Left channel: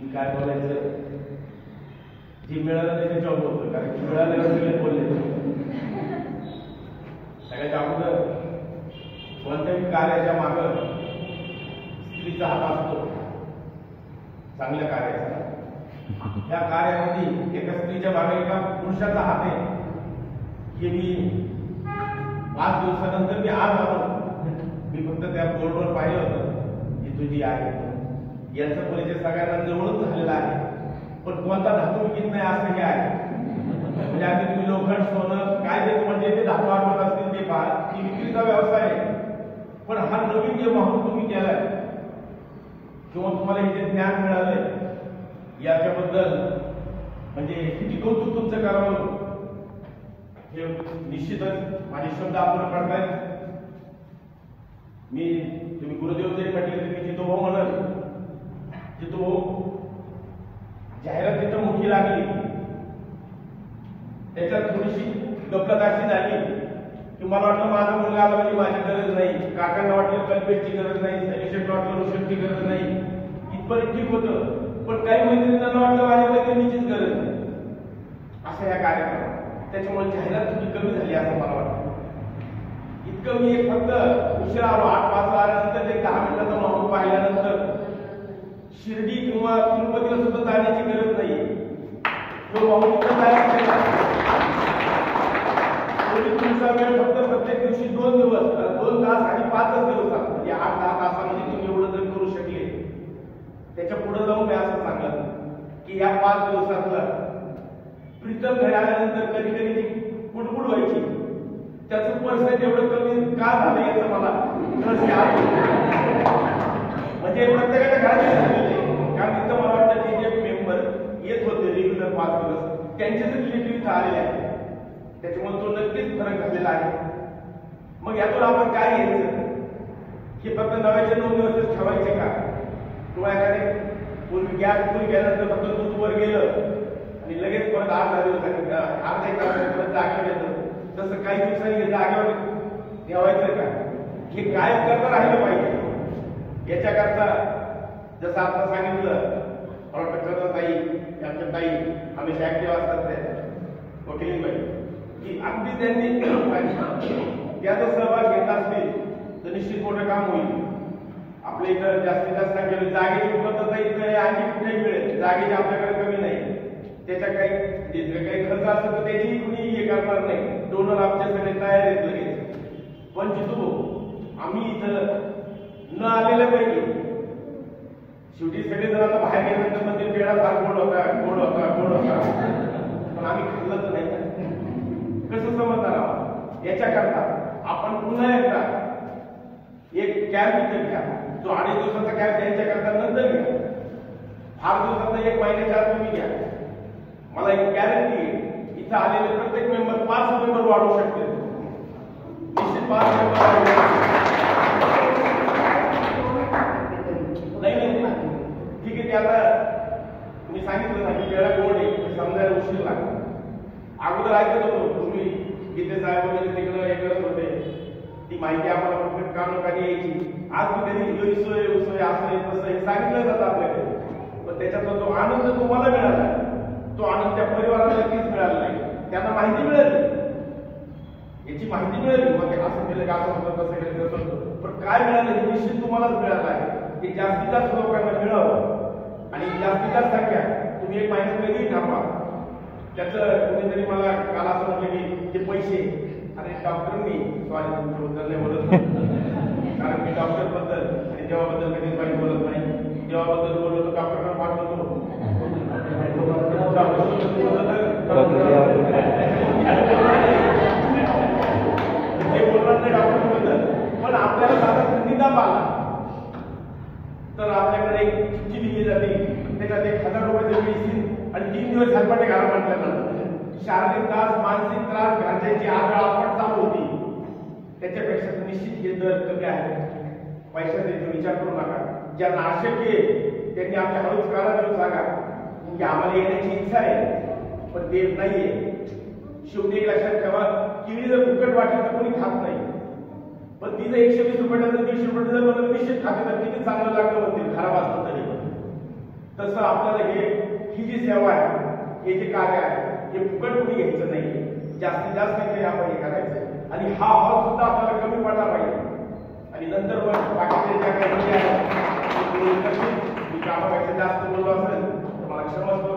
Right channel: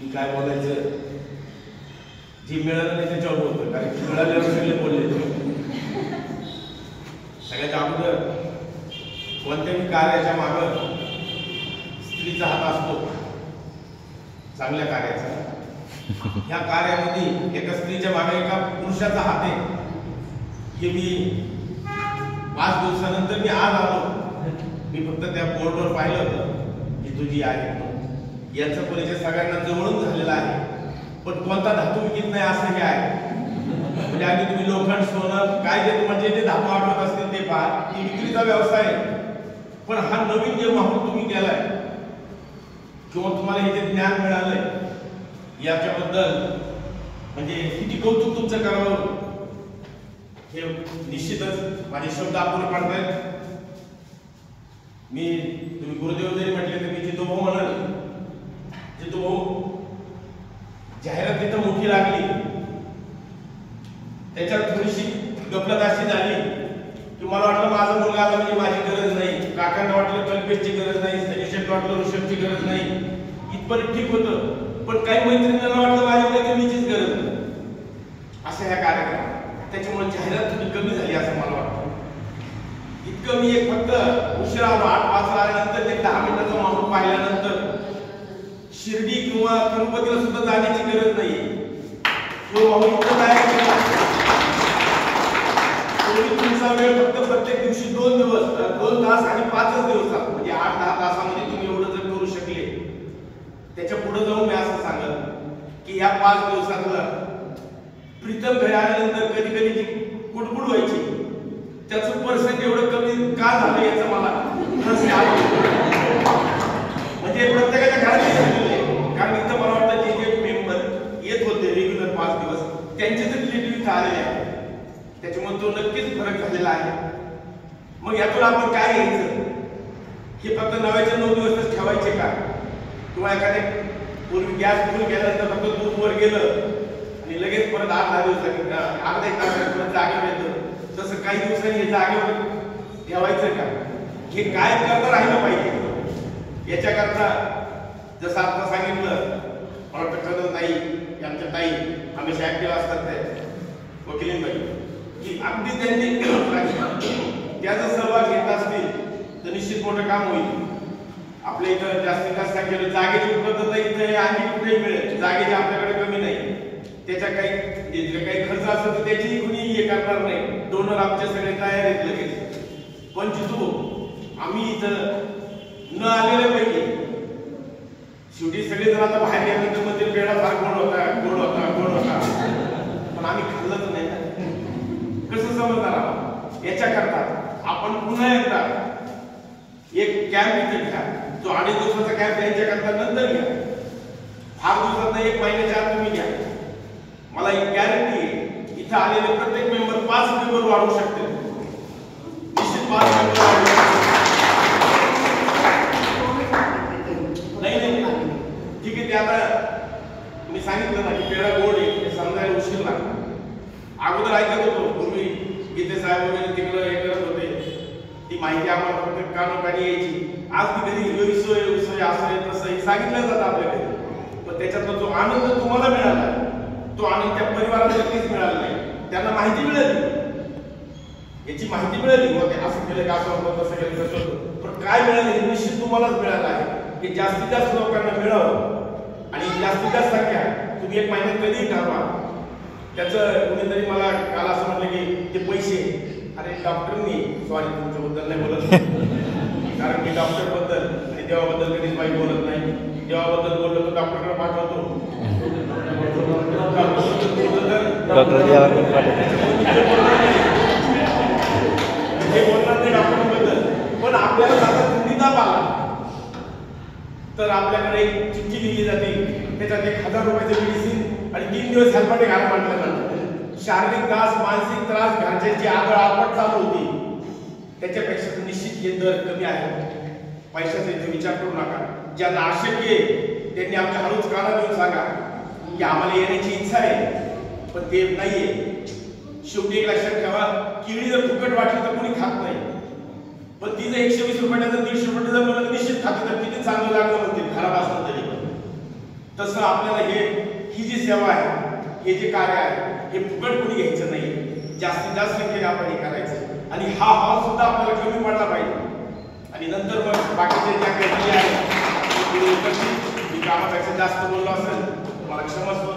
मी काय बोलायचं जे मिळालं नाही त्याच्यावर बोलतो, कारण की मिळाल्यावर सगळे बोलले. सगळ्यात अगोदर कोणत्याही कार्याच्या मागं स्त्रीचा हात असतो, चांगल्या कार्याचा. या कार्यामध्ये एका स्त्रीच्या मागे एका पुरुषाचा हात आहे. हे मी 5 दिवसानंतर मी आज आलो. मी फक्त त्या बोर्डवर पाहिलं होतं की तुझी आहे. यांचा परिचय सगळ्यांना जवळून झालेला आहे, पण कोणता धातू विकत नाही असं हे आहे. म्हणजे आधी तुम्ही लोखंड, सोनं काय देतो म्हणजे ते धातू आठवत असतील ते पहा, ती विक्रीचा व्यवसाय आहे. पण हा नवीन जे माहोल तुम्ही केलाय किंवा तुम्हाला हे जे ज्ञान मिळालंय याच्याबद्दल म्हणजे किती कौतुक तुमचं करावं हे निश्चितच माझे शब्द आपण पडतायत. तुम्ही गुरुदेव जरी म्हटले तर मी जितू भाऊ म्हणाल. जितू भाऊ जाहिरात तिथं मोठी लागली, त्याच्यात थोडीशी गफलत अशी झाली की मला वाटलं माझा मुलगा आला म्हणजे माझी गरज नाही, काकांना वाटलं कल्पेशची गरज नाही, सनिषेला वाटलं ऋषभची गरज नाही, इथपर्यंत ठीक होतं. पण काही मैत्रिणींना वाटलं माझ्या मैत्रिणीचीच गरज नाही असं ह्या कार्यक्रमात. त्याच्यामुळे जाहिरात थोडी कमी झाली असं मला वाटतं. इतकं मी एक फक्त उशिरा 8 वाजता आल्यानंतर एक 10 मिनिटाचा माहोल पाहिल्यानंतर शिर्डी किंवा तिरुपतीला सुद्धा जाण्याची गरज नाही. तो माहोल इथं तयार केला. तुमचा वेळ फक्त प्रत्येक दिवशी 2 दिवस 2 तास आणि 5 दिवसात म्हणजे 8-10 तासामध्ये तुम्ही एवढं जर करू शकले, त्याच्या पुढे जाऊन मी असं सांगेन की या 5 दिवसातला प्रीतम घरी आल्यानंतर कधी कधी जी कुडकुड व्हायची त्याचं पर्सेंट एवढं कमी का झालं याचं मला म्हणजे प्रत्येकाच्या घरात झालेलं आहे. कारण इथं मला वाटतं की जे मेंबर येत होते रेग्युलर 5 दिवस त्यांचे जे रिलेटिव्ह इथं आलेले आहे त्याच्यामुळे तो नक्कीच फरक झालेला आहे. मग यातून आपण काय घ्यायचं? हे फक्त 9 दिवसच ठेवायचे का? किंवा एखाद्या पूर्वी गॅस फुल गेल्यानंतर फक्त दूध वर गेलं आणि लगेच परत 8-10 दिवसांनी अर्धा एक तास जागेवर येतं, तसं काही दिवसांनी हे जागेवर ठेवायचं का? हे काय करता राहिलं पाहिजे. याच्याकरता जसं आता सांगितलं डॉक्टर ताई आमच्या ताई हमेशा ऍक्टिव्ह असतात त्या वकिलींबाई की अगदी त्यांनी त्याचा सहभाग घेत असतील तर निश्चित मोठं काम होईल. आपल्या इथं जास्तीत जास्त संख्येने जागेची उपलब्धता इथं आणखी कुठेही मिळेल. जागेची आपल्याकडे कमी नाही. त्याच्या काही खर्च असेल तर त्याची कुणी हे करणार नाही. डोनर आमचे सगळे तयार आहेत लगेच. पण जितू आम्ही इथं न आलेले पाहिजे. शेवटी सगळे जर आता बाहेर गेल्यानंतर म्हणतील पेढा फार गोड होता पण आम्ही खाल्लंच नाही. कसं समजणार आहोत? याच्याकरता आपण पुन्हा एकदा एक कॅम्प इथे घ्या. जो 2.5 दिवसाचा कॅम्प त्यांच्याकरता नंतर घ्या. फार दिवसात 1 महिन्याच्या आत तुम्ही घ्या. मला एक गॅरंटी आहे इथं आलेले प्रत्येक मेंबर 5 मेंबर वाढू शकते. निश्चित 5 मेंबर वाढू शकते. नाही ठीक आहे. ते आता मी सांगितलं ना की पेढा गोड आहे हे समजायला उशीर लागला. अगोदर ऐकत होतो पूर्वी गीते साहेब वगैरे तिकडं हे करत होते, ती माहिती आम्हाला फक्त कानोकानी यायची. आज ती कधी सोय असं आहे तसं हे सांगितलं जातं आपल्याकडे. पण त्याच्यातला जो आनंद तुम्हाला मिळाला तो आनंद त्या परिवाराला नक्कीच मिळाला नाही. त्यांना माहिती मिळाली, याची माहिती मिळाली मग ते असं केलं का असं होतं तसं केलं कसं होतं. पण काय मिळालं हे निश्चित तुम्हालाच मिळालं आहे की जास्तीत जास्त लोकांना मिळावं आणि जास्तीत जास्त संख्या तुम्ही 1 महिन्यात कधीही ठरवा. त्याचं कुणीतरी मला काल असं म्हटलं की ते पैसे अरे डॉक्टरनी सॉरी तुमच्याबद्दल नाही बोलत कारण मी डॉक्टरबद्दल आणि देवाबद्दल कधीच वाईट बोलत नाही. देवाबद्दल बोललो तर डॉक्टरकडे पाठवतो. हे बोलणार नाही डॉक्टरबद्दल. पण आपल्याला साधा थंडीचा आला तर आपल्याकडे एक चिठ्ठी लिहिली जाते. त्याच्यात 1000 रुपयाचे मेडिसिन आणि 3 दिवस हेल्पाटे घाला म्हटल्यानंतर शारीरिक त्रास मानसिक त्रास घरच्यांची आदळआपट चालू होती. त्याच्यापेक्षा निश्चित हे दर कमी आहे. पैशाचा इथे विचार करू नका. ज्यांना अशक्य आहे त्यांनी आमच्या हळूच काना देऊन सांगा की आम्हाला येण्याची इच्छा आहे पण ते नाहीये. शेवटी एक लक्षात ठेवा केळी जर फुकट वाटली तर कोणी खात नाही. पण ती जर 120 रुपयाला 150 रुपये जर मला निश्चित खाते तर किती चांगलं लागलं म्हणते खराब असलं तरी. तसं आपल्याला ही जी सेवा आहे, हे जे कार्य आहे, हे फुकट कोणी घ्यायचं नाही. जास्तीत जास्त संख्येने आपण हे करायचं आणि हा हॉल सुद्धा आपल्याला कमी पडला पाहिजे. आणि नंतर मग बाकीचे ज्या काही आहे मी कामापेक्षा जास्त बोललो असेल मला क्षमस्व.